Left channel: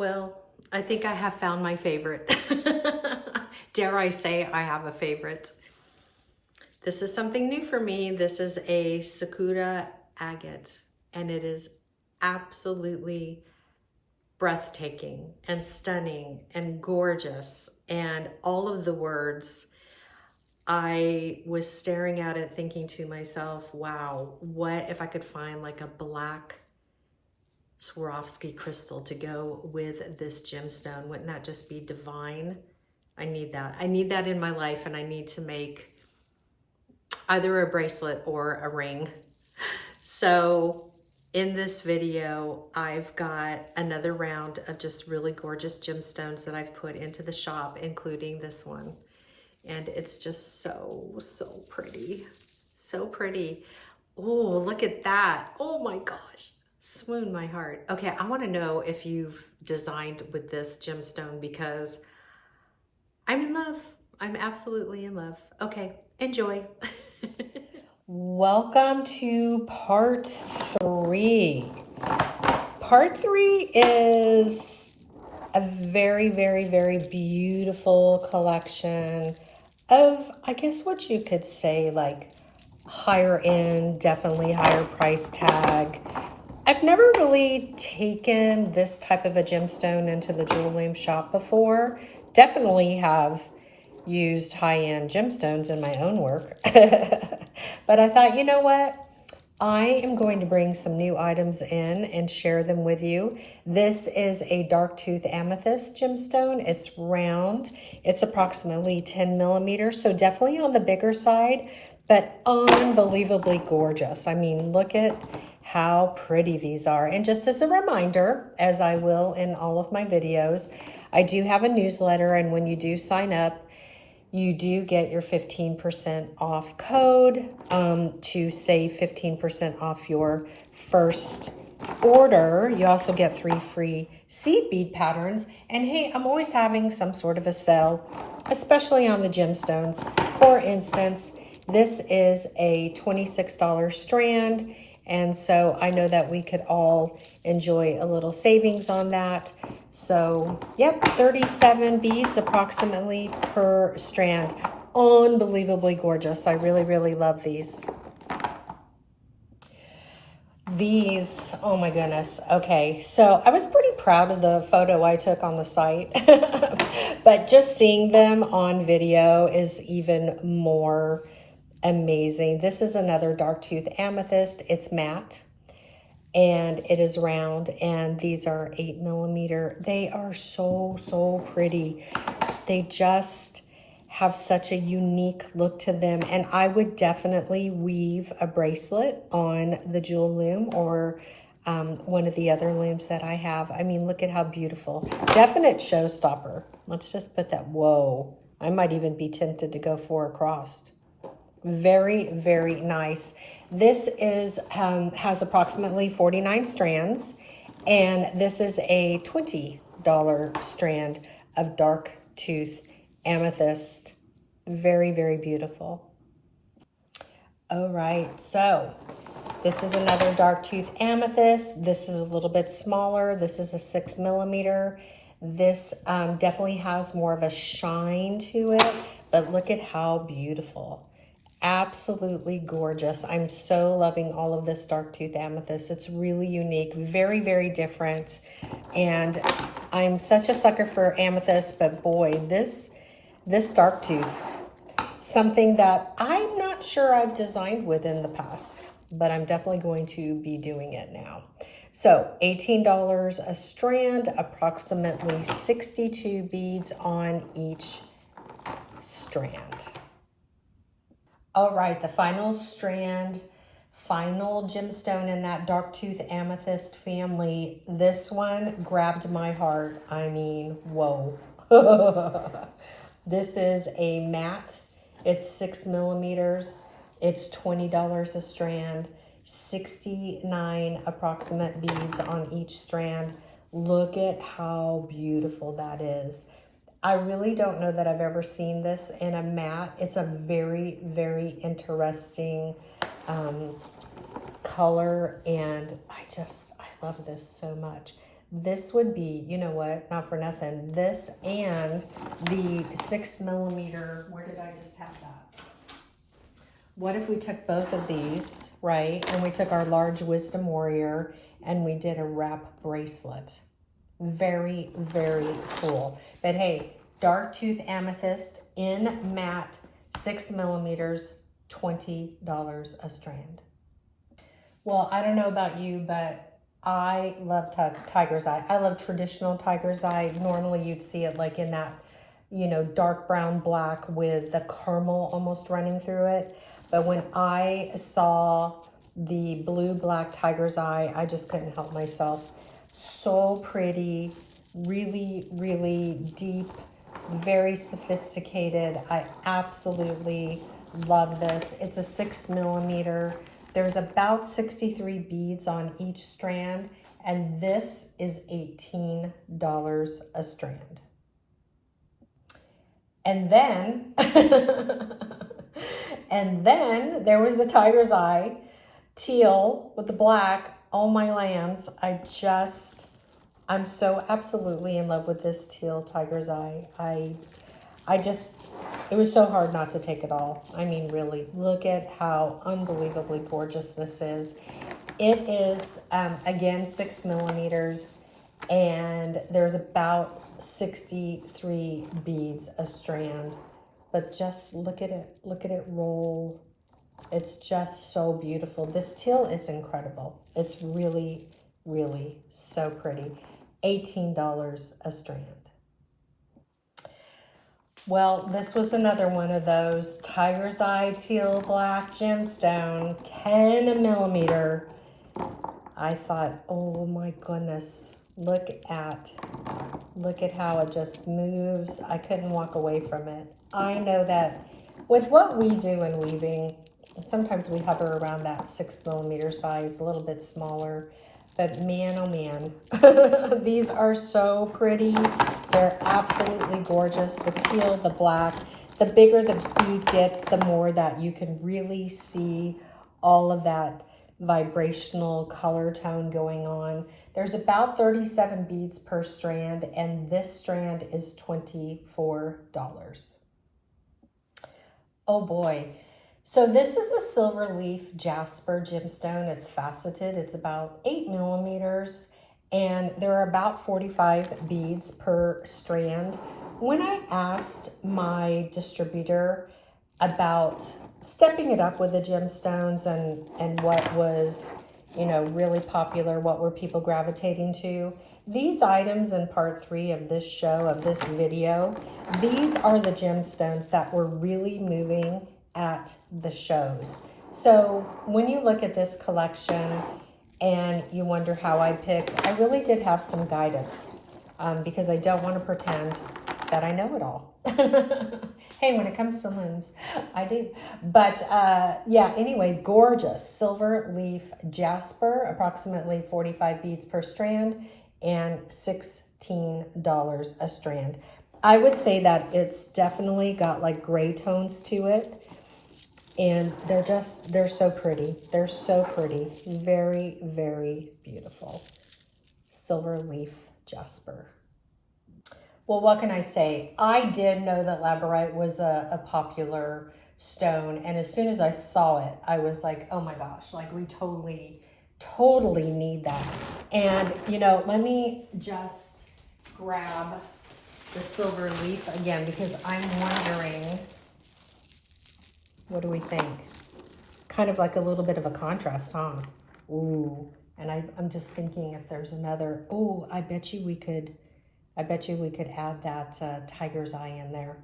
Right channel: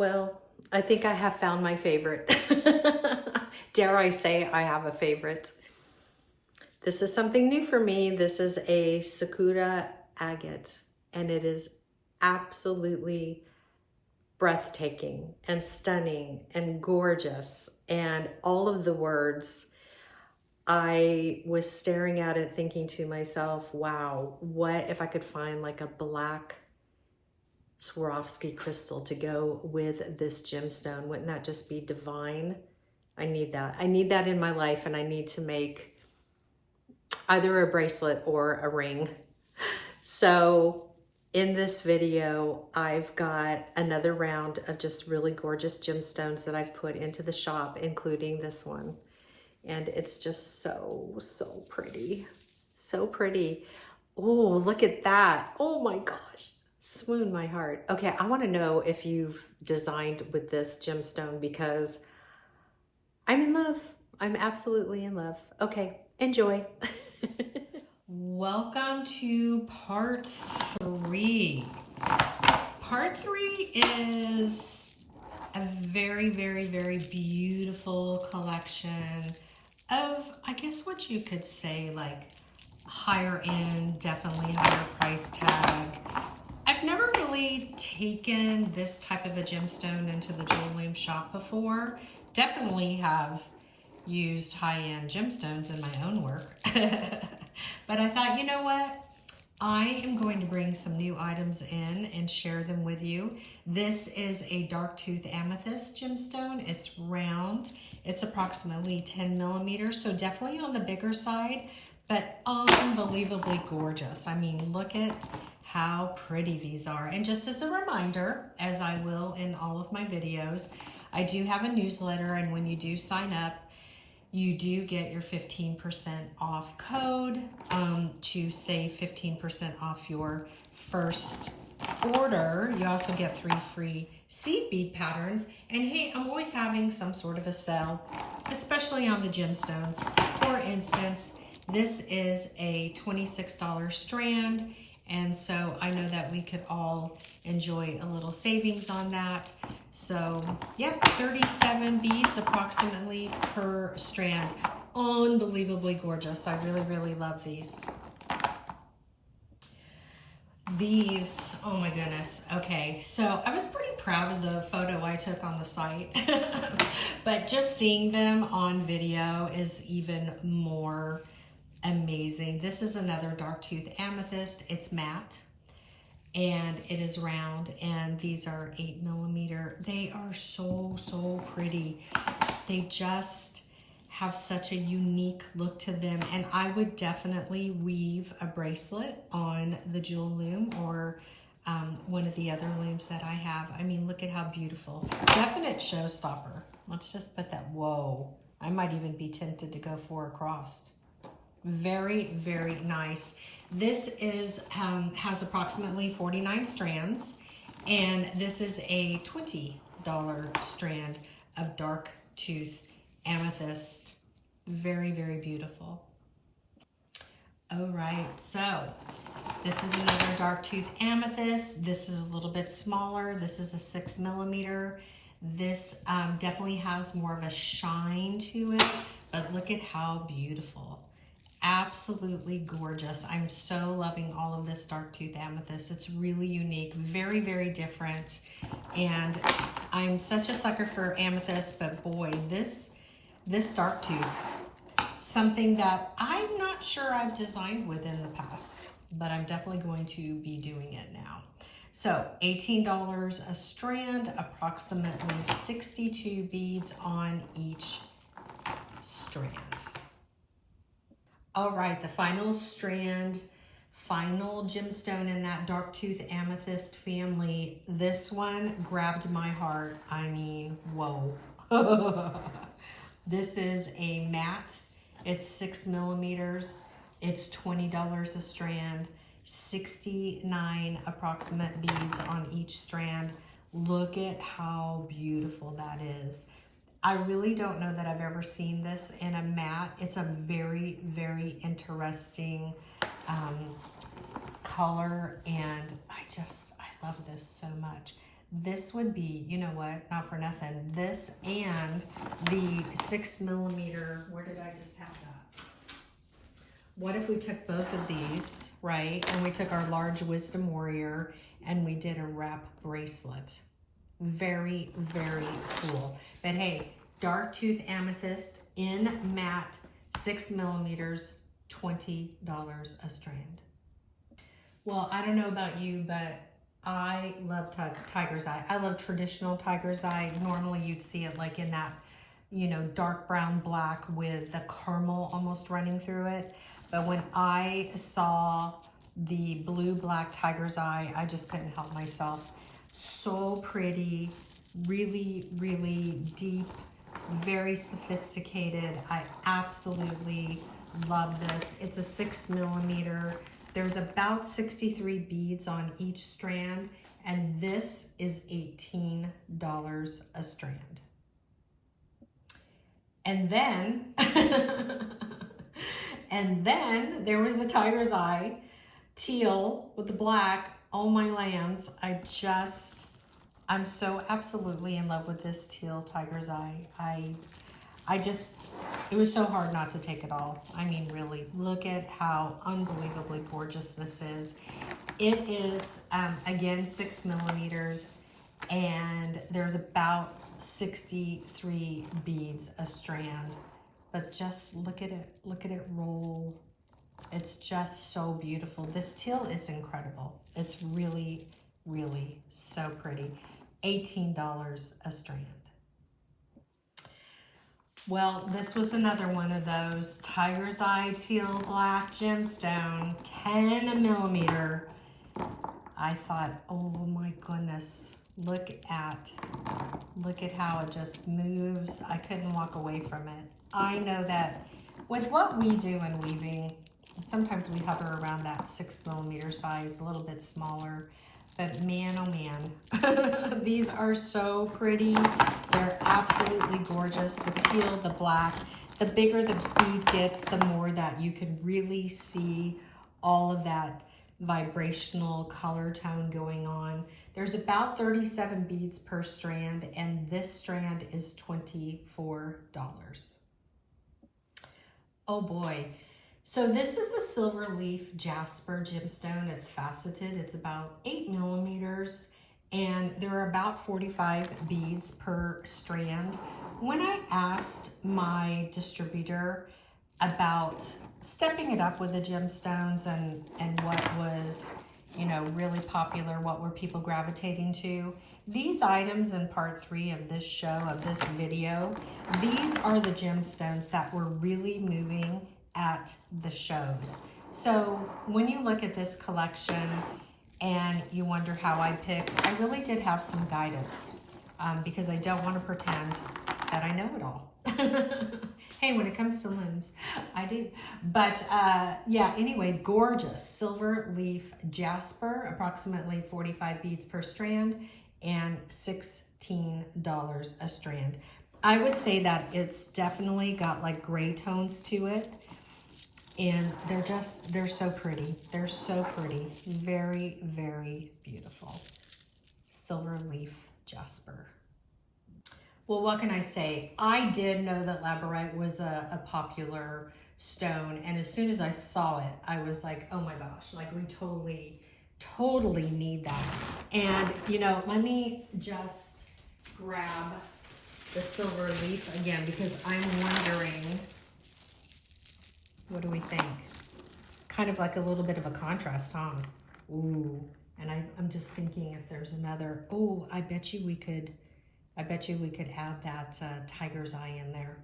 Well, I think I have found my favorite. Dare I say I have a favorite. This is something new for me. This is a Sakura agate, and it is absolutely breathtaking and stunning and gorgeous, and all of the words. I was staring at it thinking to myself, wow, what if I could find like a black Swarovski crystal to go with this gemstone? Wouldn't that just be divine? I need that. I need that in my life, and I need to make either a bracelet or a ring. So in this video, I've got another round of just really gorgeous gemstones that I've put into the shop, including this one. And it's just so pretty. So pretty. Oh, look at that. Oh my gosh. Swoon my heart. Okay, I want to know if you've designed with this gemstone, because I'm in love. I'm absolutely in love. Okay, enjoy. Welcome to part 3. Part 3 is a very beautiful collection of, I guess what you could say, like higher end, definitely higher price tag. I've never really taken this type of a gemstone into the jewel loom shop before. Definitely have used high-end gemstones in my own work. But I thought, you know what? I am going to bring some new items in and share them with you. This is a dark tooth amethyst gemstone. It's round. It's approximately 10 millimeters, so definitely on the bigger side, but unbelievably gorgeous. I mean, look at how pretty these are. And just as a reminder, as I will in all of my videos, I do have a newsletter, and when you do sign up, you do get your 15% off code to save 15% off your first order. You also get 3 free seed bead patterns. And hey, I'm always having some sort of a sale, especially on the gemstones. For instance, this is a $26 strand. And so I know that we could all enjoy a little savings on that. So, yep, 37 beads approximately per strand. Unbelievably gorgeous. I really love these. These, oh my goodness. Okay, so I was pretty proud of the photo I took on the site. But just seeing them on video is even more amazing. This is another dark tooth amethyst. It's matte and it is round, and these are 8 millimeter. They are so pretty. They just have such a unique look to them, and I would definitely weave a bracelet on the jewel loom or one of the other looms that I have. I mean, look at how beautiful. Definite showstopper. Let's just put that. Whoa, I might even be tempted to go 4 across. Very nice. This is has approximately 49 strands, and this is a $20 strand of dark tooth amethyst. Very beautiful. All right, so this is another dark tooth amethyst. This is a little bit smaller. This is a 6 millimeter. This definitely has more of a shine to it, but look at how beautiful. Absolutely gorgeous. I'm so loving all of this dark tooth amethyst. It's really unique, very different. And I'm such a sucker for amethyst, but boy, this dark tooth, something that I'm not sure I've designed with in the past, but I'm definitely going to be doing it now. So $18 a strand, approximately 62 beads on each strand. All right, the final strand, final gemstone in that dark tooth amethyst family. This one grabbed my heart. I mean, whoa. This is a matte. It's 6 millimeters. It's $20 a strand, 69 approximate beads on each strand. Look at how beautiful that is. I really don't know that I've ever seen this in a matte. It's a very interesting color, and I love this so much. this would be, you know what, not for nothing, this and the 6mm, where did I just have that? What if we took both of these, right, and we took our large Wisdom Warrior and we did a wrap bracelet? Very, very cool. But hey, dark tooth amethyst in matte, 6mm, $20 a strand. Well, I don't know about you, but I love tiger's eye. I love traditional tiger's eye. Normally you'd see it like in that, you know, dark brown black with the caramel almost running through it. But when I saw the blue black tiger's eye, I just couldn't help myself. So pretty, really, really deep, very sophisticated. I absolutely love this. It's a 6mm. There's about 63 beads on each strand, and this is $18 a strand. And then, and then there was the tiger's eye, teal with the black. Oh my lands, I'm so absolutely in love with this teal tiger's eye. It was so hard not to take it all. I mean, really, look at how unbelievably gorgeous this is. It is, again, 6mm, and there's about 63 beads a strand. But just look at it roll. It's just so beautiful. This teal is incredible. It's really, really so pretty. $18 a strand. Well, this was another one of those tiger's eye teal black gemstone, 10mm. I thought, oh my goodness, look at how it just moves. I couldn't walk away from it. I know that with what we do in weaving, sometimes we hover around that 6mm size, a little bit smaller. But man, oh man, these are so pretty. They're absolutely gorgeous. The teal, the black, the bigger the bead gets, the more that you can really see all of that vibrational color tone going on. There's about 37 beads per strand, and this strand is $24. Oh boy. So this is a silver leaf jasper gemstone. It's faceted. It's about 8mm, and there are about 45 beads per strand. When I asked my distributor about stepping it up with the gemstones and what was, you know, really popular, what were people gravitating to, these items in part 3 of this show, of this video, these are the gemstones that were really moving at the shows. So when you look at this collection and you wonder how I picked, I really did have some guidance because I don't want to pretend that I know it all. Hey, when it comes to looms, I do. But yeah, anyway, gorgeous silver leaf jasper, approximately 45 beads per strand and $16 a strand. I would say that it's definitely got like gray tones to it. And they're so pretty. They're so pretty. Very, very beautiful. Silver leaf jasper. Well, what can I say? I did know that labradorite was a popular stone. And as soon as I saw it, I was like, oh my gosh, like we totally need that. And, you know, let me just grab the silver leaf again, because I'm wondering, what do we think? Kind of like a little bit of a contrast, huh? Ooh, and I'm just thinking if there's another, ooh, I bet you we could add that tiger's eye in there.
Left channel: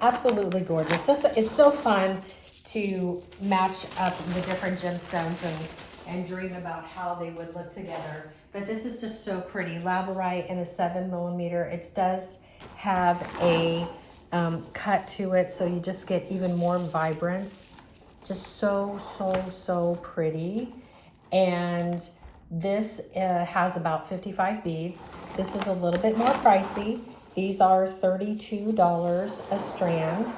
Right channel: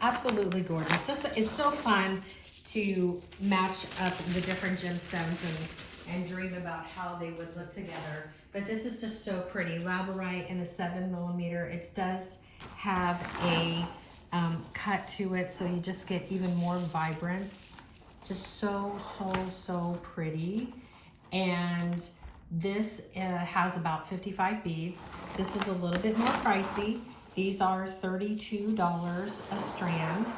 Absolutely gorgeous. It's so fun to match up the different gemstones and dream about how they would look together. But this is just so pretty. Labradorite in a 7mm. It does have a cut to it, so you just get even more vibrance. Just so pretty. And this has about 55 beads. This is a little bit more pricey. These are $32 a strand.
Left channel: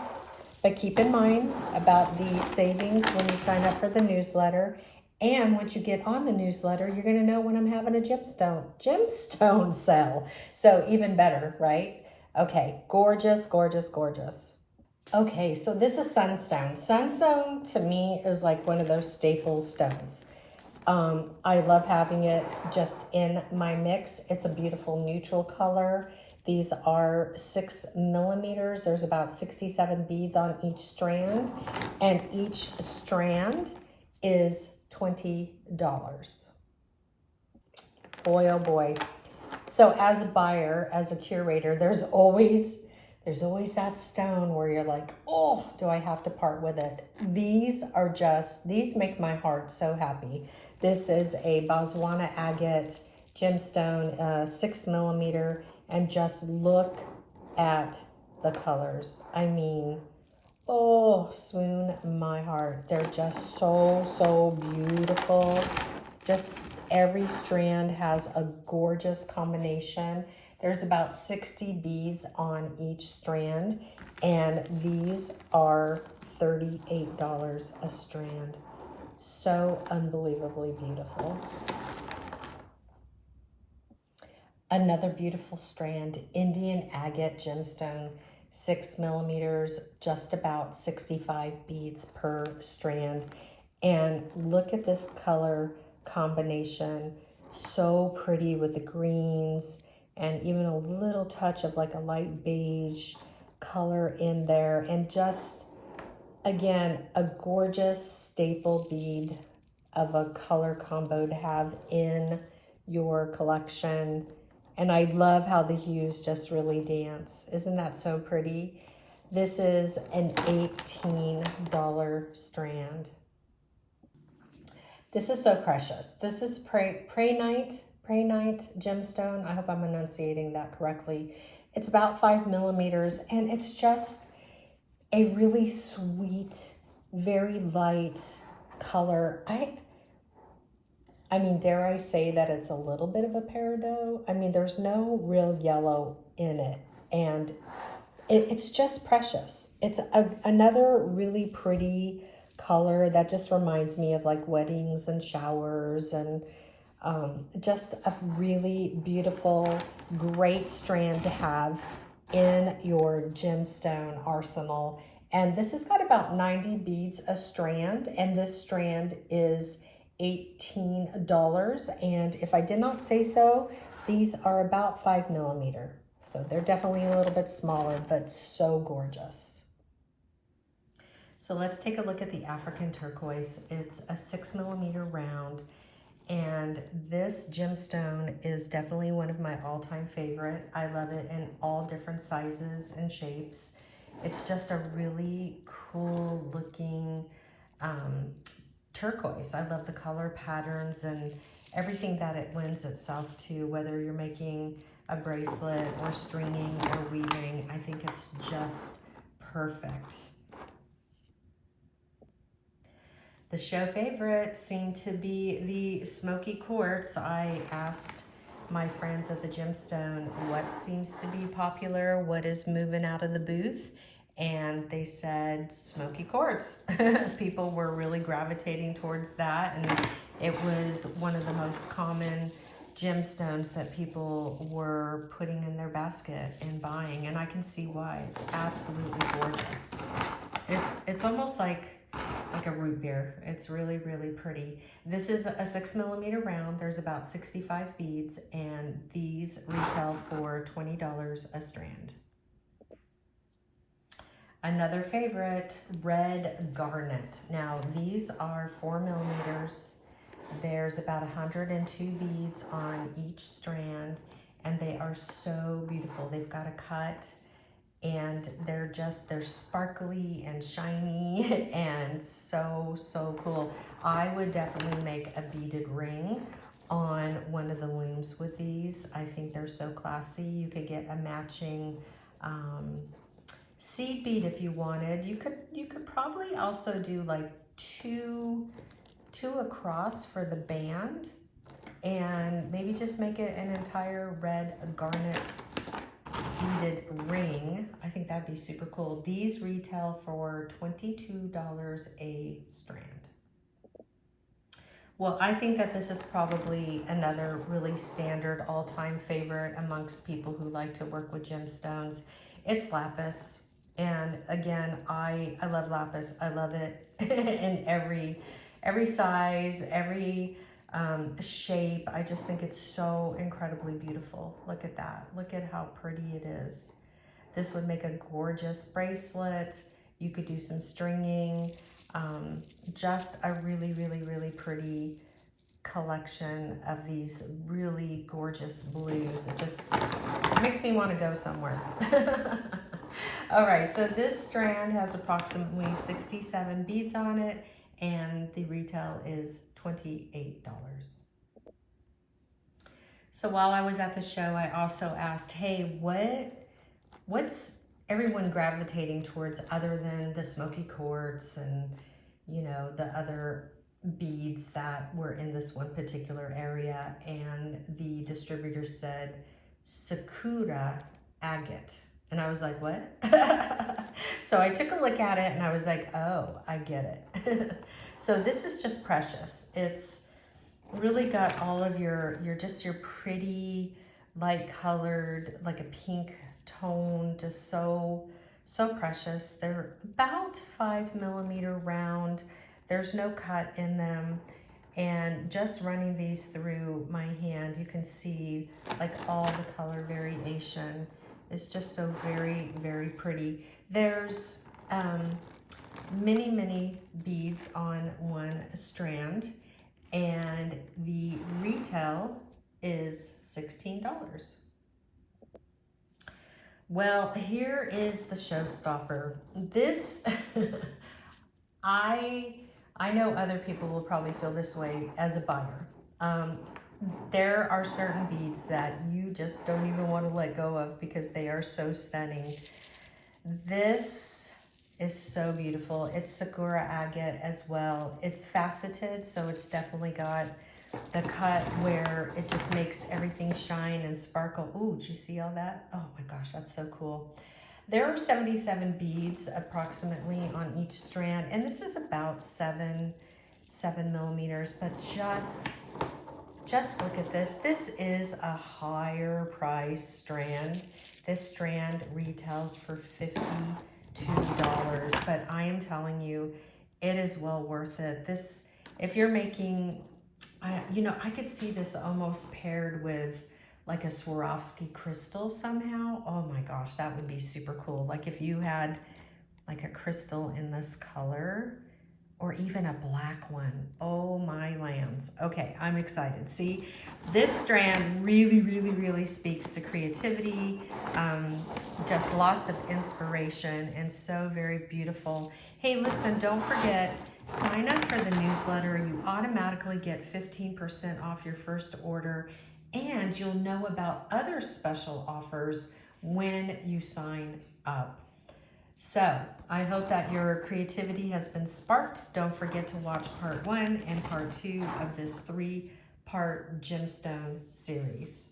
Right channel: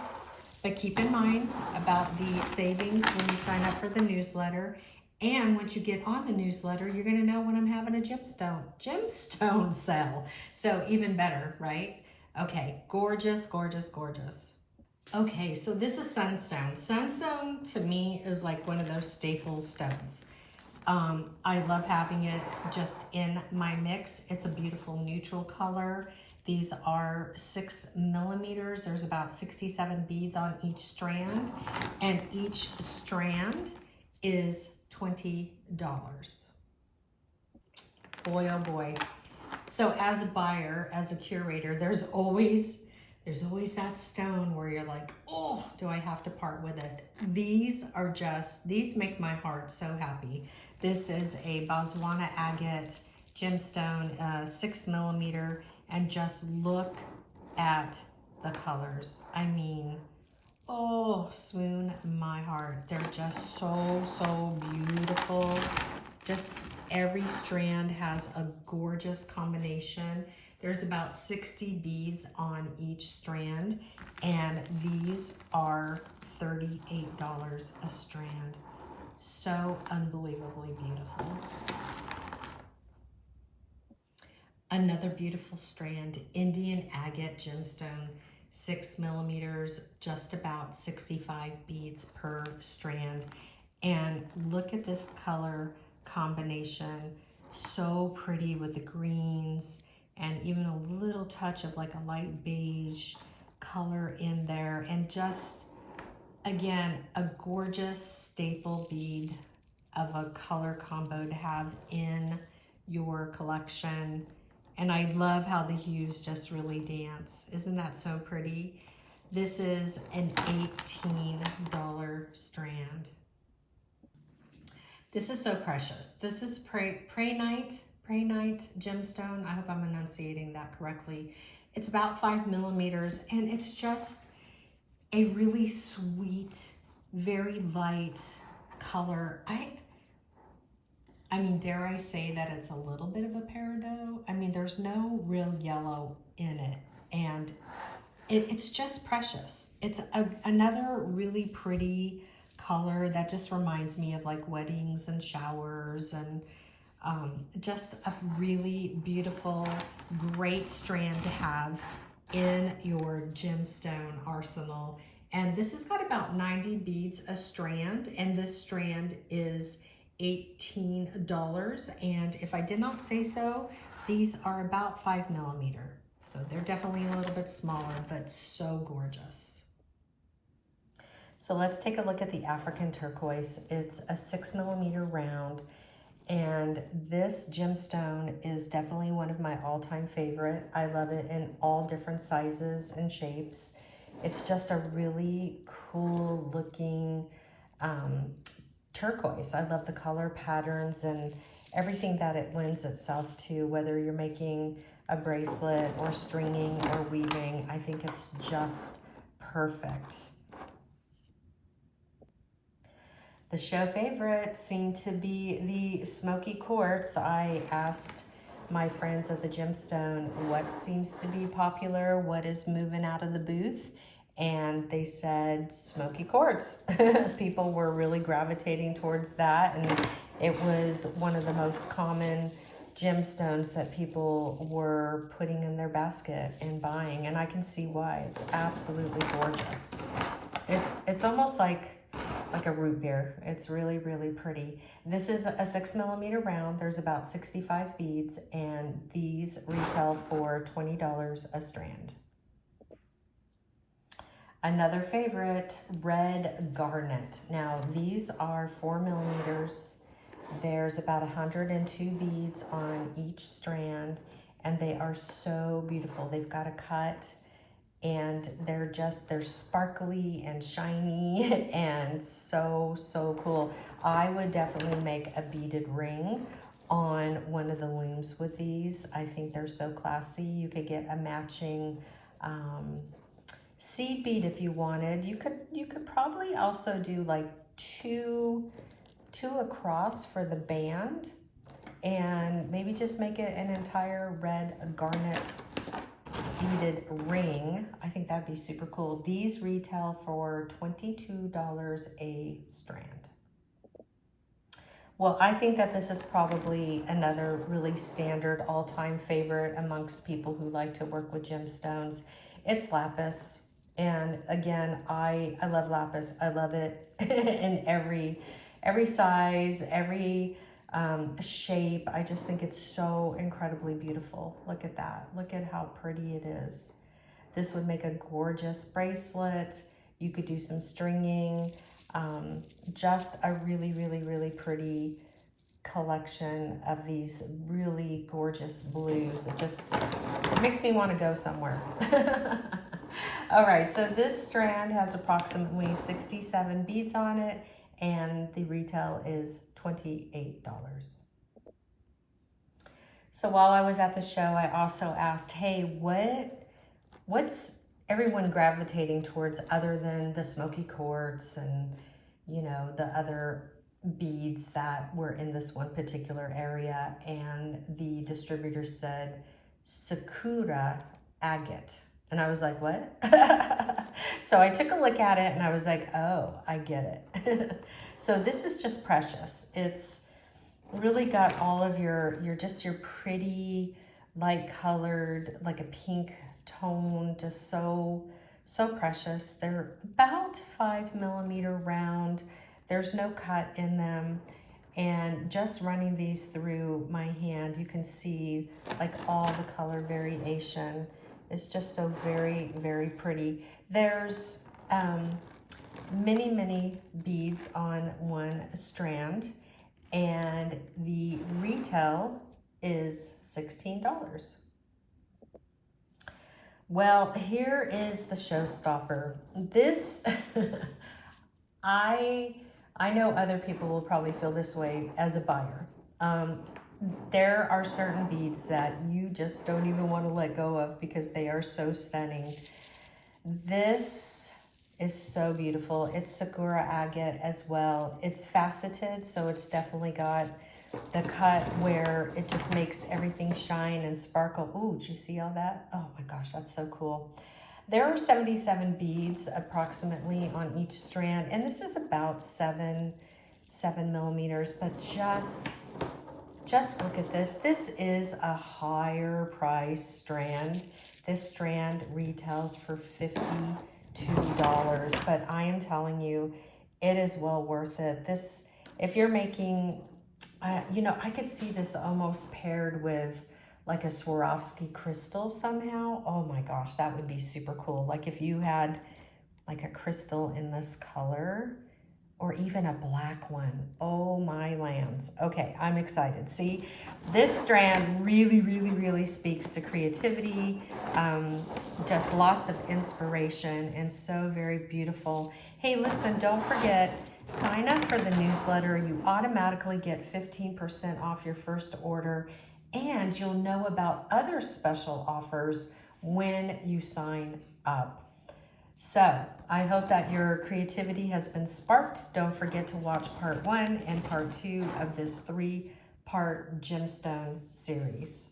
But keep in mind about the savings when you sign up for the newsletter. And once you get on the newsletter, you're going to know when I'm having a gemstone sale. So even better, right? Okay, gorgeous, gorgeous, gorgeous. Okay, so this is sunstone. Sunstone to me is like one of those staple stones. I love having it just in my mix. It's a beautiful neutral color. These are 6 millimeters. There's about 67 beads on each strand, and each strand is $20. Boy, oh boy. So as a buyer, as a curator, there's always that stone where you're like, oh, do I have to part with it? These make my heart so happy. This is a Botswana agate gemstone, 6 millimeter, and just look at the colors. I mean, oh, swoon my heart. They're just so beautiful. Just every strand has a gorgeous combination. There's about 60 beads on each strand, and these are $38 a strand. So unbelievably beautiful. Another beautiful strand, Indian agate gemstone, 6 millimeters, just about 65 beads per strand. And look at this color combination. So pretty with the greens and even a little touch of like a light beige color in there. And just, again, a gorgeous staple bead of a color combo to have in your collection. And I love how the hues just really dance. Isn't that so pretty? This is an $18 strand. This is so precious. This is Prehnite gemstone. I hope I'm enunciating that correctly. It's about 5 millimeters, and it's just a really sweet, very light color. I mean, dare I say that it's a little bit of a peridot? I mean, there's no real yellow in it, and it's just precious. It's another really pretty color that just reminds me of like weddings and showers, and just a really beautiful, great strand to have in your gemstone arsenal. And this has got about 90 beads a strand, and this strand is $18. And if I did not say so, these are about 5 millimeter. So they're definitely a little bit smaller, but so gorgeous. So let's take a look at the African turquoise. It's a 6 millimeter round, and this gemstone is definitely one of my all-time favorite. I love it in all different sizes and shapes. It's just a really cool looking turquoise. I love the color patterns and everything that it lends itself to, whether you're making a bracelet or stringing or weaving. I think it's just perfect. The show favorite seemed to be the smoky quartz. I asked my friends at the Gemstone what seems to be popular, what is moving out of the booth, and they said smoky quartz. People were really gravitating towards that, and it was one of the most common gemstones that people were putting in their basket and buying, and I can see why. It's absolutely gorgeous. It's almost like a root beer. It's really, really pretty. This is a 6 millimeter round. There's about 65 beads, and these retail for $20 a strand. Another favorite, red garnet. Now these are 4 millimeters. There's about 102 beads on each strand, and they are so beautiful. They've got a cut, and they're sparkly and shiny and so cool. I would definitely make a beaded ring on one of the looms with these. I think they're so classy. You could get a matching seed bead if you wanted. You could probably also do like two across for the band, and maybe just make it an entire red garnet beaded ring. I think that'd be super cool. These retail for $22 a strand. Well, I think that this is probably another really standard all-time favorite amongst people who like to work with gemstones. It's lapis. And again, I love lapis. I love it in every size, every shape. I just think it's so incredibly beautiful. Look at that. Look at how pretty it is. This would make a gorgeous bracelet. You could do some stringing. Just a really, really, really pretty collection of these really gorgeous blues. It makes me want to go somewhere. All right, so this strand has approximately 67 beads on it, and the retail is $28. So while I was at the show, I also asked, hey, what's everyone gravitating towards other than the smoky quartz and, you know, the other beads that were in this one particular area? And the distributor said Sakura agate. And I was like, what? So I took a look at it and I was like, oh, I get it. So this is just precious. It's really got all of your pretty light colored, like a pink tone, just so precious. They're about 5 millimeter round. There's no cut in them. And just running these through my hand, you can see like all the color variation. It's just so very, very pretty. There's many beads on one strand, and the retail is $16. Well, here is the showstopper. This, I know other people will probably feel this way as a buyer. There are certain beads that you just don't even want to let go of because they are so stunning. This is so beautiful. It's Sakura agate as well. It's faceted, so it's definitely got the cut where it just makes everything shine and sparkle. Ooh, did you see all that? Oh my gosh, that's so cool. There are 77 beads approximately on each strand, and this is about 7 millimeters, but just look at this. This is a higher price strand. This strand retails for $52, but I am telling you, it is well worth it. This, if you're making, you know, I could see this almost paired with like a Swarovski crystal somehow. Oh my gosh, that would be super cool. Like if you had like a crystal in this color, or even a black one. Oh my lands. Okay, I'm excited. See, this strand really speaks to creativity, just lots of inspiration, and so very beautiful. Hey, listen, don't forget, sign up for the newsletter. You automatically get 15% off your first order, and you'll know about other special offers when you sign up. So I hope that your creativity has been sparked. Don't forget to watch part 1 and part 2 of this 3-part gemstone series.